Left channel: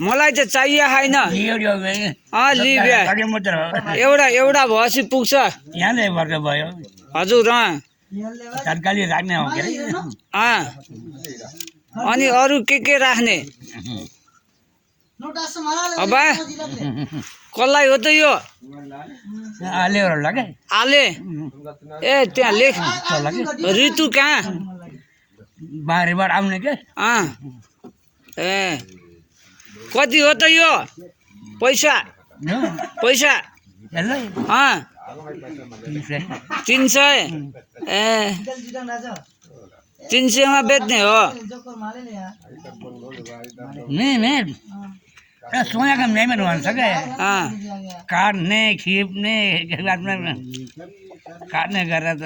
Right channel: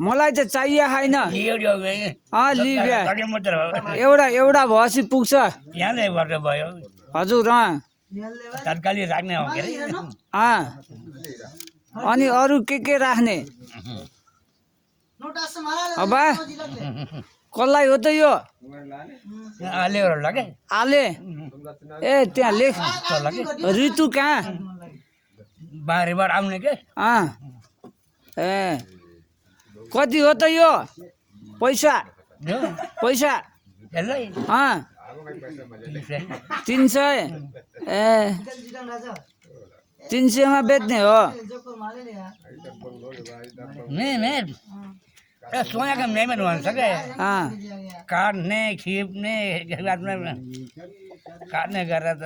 मलाई त चाहिए होइन लियो लि ब्या एउटा एउटा भएपछि पुग्छ यहाँले वर्ग भयो हजुर तत्कालीन राख्ने हो के अरे अनि अरू के राख्ने अब कसलाई हो त यो आलेहरू लाग्यो आले ए त्यहाँ लेख ऋतु कहाँ बारीबाट आउने के ए कति हो त यो पैसा पैसा यसलाई 300 ए 300 मा बेच्ने हो सोनाको मेहमान भन्छ क्या काट्ने खिप्ने काट्ने गरेर त